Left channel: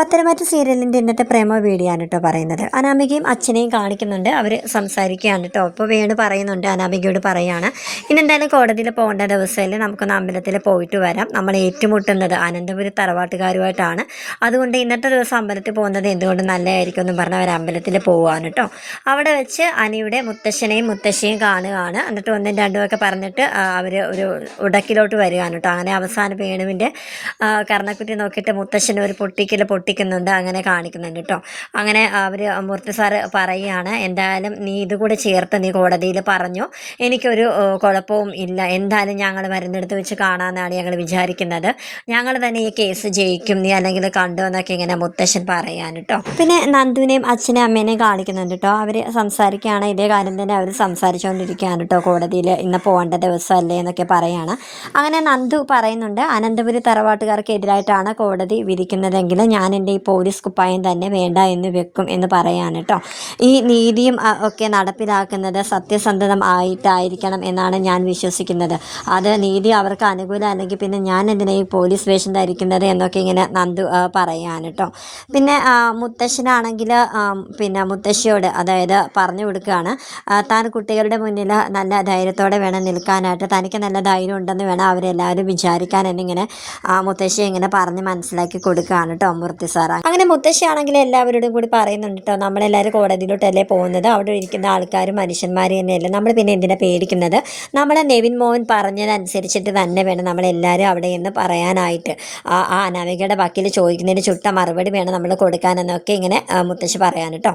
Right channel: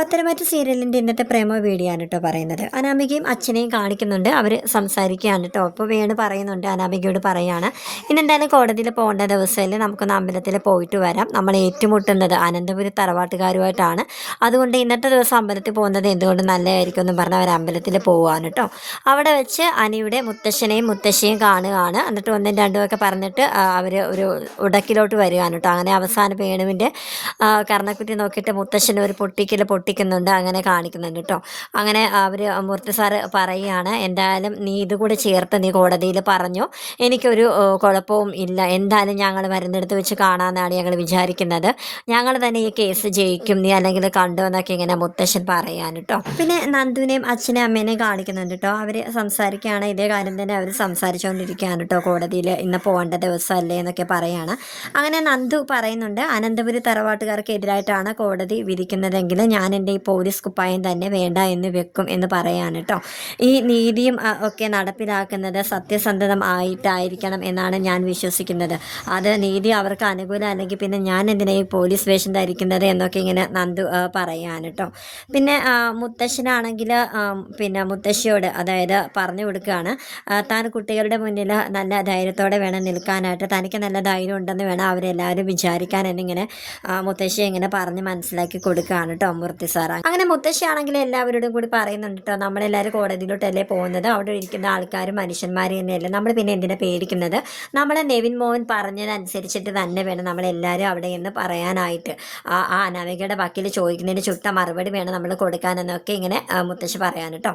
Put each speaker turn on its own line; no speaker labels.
പത്തരമാറ്റ സീരിയലിന്റെ ഇന്നത്തെ പ്രേമ വീഡിയോ ആണ് കേട്ടോ പറയുന്നത്. അനാമികയും അച്ഛനെയും കാണിക്കുന്നുണ്ട്. അവർ സംസാരിക്കുകയാണ് കേട്ടോ. അപ്പോൾ വേണു പറയുന്നുണ്ട്. അനാമികയോട് പറയുകയാണ് ഇന്നെന്തായാലും കോടതിയിൽ പോകേണ്ട ദിവസമല്ലേ? നമുക്കൊന്ന് അമ്പലത്തിൽ പോയിട്ട് വരാം. നമ്മൾ ഏറ്റുമുട്ടുന്നത് അനന്തപുരി തറവാട്ടുകാരുമായിട്ടാണ്. അതുകൊണ്ട് ഇന്നത്തെ ദിവസം അമ്പലത്തിൽ പോകുന്നത് എന്തുകൊണ്ട് നല്ലതായിരിക്കും എന്ന് പറഞ്ഞ് അവർ അമ്പലത്തിൽ പോവുകയാണ് കേട്ടോ. അവിടെ വെച്ച് അനിയുടെ മുത്തശ്ശനെയും മുത്തശ്ശിയും കാണുകയാണ്. എന്നിട്ട് ഒന്നും രണ്ടും ഒക്കെ പറഞ്ഞിട്ട് അവർ ഒരു ഉടക്കിലോട്ട് വരികയാണ് കേട്ടോ. അങ്ങനെ അവസാന വേണുവിന്റെ കർണക്കുറ്റി നോക്കിയിട്ട് മുത്തശ്ശന്റെ ഒരു പൊട്ടിക്കൽ പൊട്ടിക്കുന്നുണ്ട് അങ്ങനെ കാണിക്കുന്നുണ്ട് കേട്ടോ. അങ്ങനെ അവർ മൂർത്തി സാറ് പറയുകയാണ് എന്തായാലും നീ ഇതുകൂടെ ചേർത്ത് നീ കോടതിയിൽ പറഞ്ഞു. എനിക്കൊരു കുഴപ്പവും ഇല്ല. എന്തായാലും ഞങ്ങൾ മരുന്നെടുത്ത് വെച്ച് കാണാമെന്നാണ് ഞങ്ങൾ വിചാരിക്കുന്നത്. ഞങ്ങൾ തന്നെ ഈ കേസ് ജയിക്കും. നീ അല്ലെങ്കിൽ കണ്ടു എന്നൊക്കെ ഇങ്ങനെ മുത്തശ്ശൻ പറയാൻ കേട്ടോ. പിന്നെ നന്ദുവിനെയും അച്ഛനെയും അമ്മേനെയും കാണിക്കുന്നുണ്ട് കേട്ടോ. അവർ സംസാരിക്കുകയാണ്. ഇതേ കാര്യം തന്നെ അവർ സംസാരിച്ചുകൊണ്ടിരിക്കുകയാണ് കേട്ടോ കോടതിയിൽ. ഇന്ന് പോകേണ്ട ദിവസമല്ലേ എന്നൊക്കെ പറയാണ് അങ്ങനെ നന്ദു പറയുന്നുണ്ട് അനന്തപുരി തറവാട്ടുകാർക്ക് എതിരായിട്ടാണ് കോടതി വിധിക്കുന്നതെങ്കിൽ ഞാൻ എന്റെ ഈ പോലീസ് കുപ്പായം തന്നെ വേണ്ട എന്ന് വെക്കും എന്ന് പറയാണ് കേട്ടോ. ഈ നീതിയും ഒക്കെ നടപ്പിലാക്കുന്നത് സത്യസന്ധതം ആയിട്ടായിരിക്കണം എന്നാണ് ഞാൻ വിശ്വസിക്കുന്നത്. അത് നീതി അവർക്ക് അനുകൂലം അല്ലെങ്കിൽ പിന്നെ ഞാൻ എന്തിനാ ഈ പോലീസ് വേഷം ധരിക്കുന്നത് എന്നൊക്കെ ഇങ്ങനെ നന്ദു പറയാണ് കേട്ടോ. പിന്നെ മുത്തശ്ശനാണെങ്കിൽ പിന്നെ മുത്തശ്ശിയോട് അതായത് പറഞ്ഞു കൊടുക്കുകയാണ് താൻ കുട്ടികളുടെ മുന്നിൽ നല്ല ധൈര്യത്തോടെ വേണം നിൽക്കാനായിട്ട് തനിക്ക് നല്ല ധൈര്യം ഉണ്ടെന്ന് വേണം അവരെല്ലാവരും വിചാരിക്കാൻ എന്നിങ്ങനെ മുത്തശ്ശി ഇങ്ങനെ പറഞ്ഞ് മനസ്സിലാക്കി കൊടുക്കുകയാണ് കേട്ടോ. മൂർത്തി സാറ്. അങ്ങനെ മുത്തശ്ശിയാണെങ്കിൽ എല്ലാവരോടും കൂടി പറയുന്നുണ്ട് കേട്ടോ നമ്മളെല്ലാവരും കോടതിയിലോട്ടല്ലേ പോകുന്നത്. അവിടെ ഇരിക്കുന്ന ആൾക്കാരും മനുഷ്യന്മാരും തന്നെയല്ലേ നമ്മൾ പിന്നെ എന്തിനാ പേടിക്കുന്നത്? നമ്മളെ നെവിൻ മോഹൻ പറഞ്ഞതനുസരിച്ചിട്ട് തന്നെ വേണം നമ്മളെല്ലാവരും അവിടെ നിന്ന് പറയാനായിട്ട്. ആ ആ അനാമികയുടെ വക്കീൽ ചോദിക്കുന്നതിന് ചുട്ട മറുപടി വേണം നമ്മൾ കൊടുക്കാനെന്നൊക്കെ ഇങ്ങനെ മുത്തശ്ശി പറയാൻ കേട്ടോ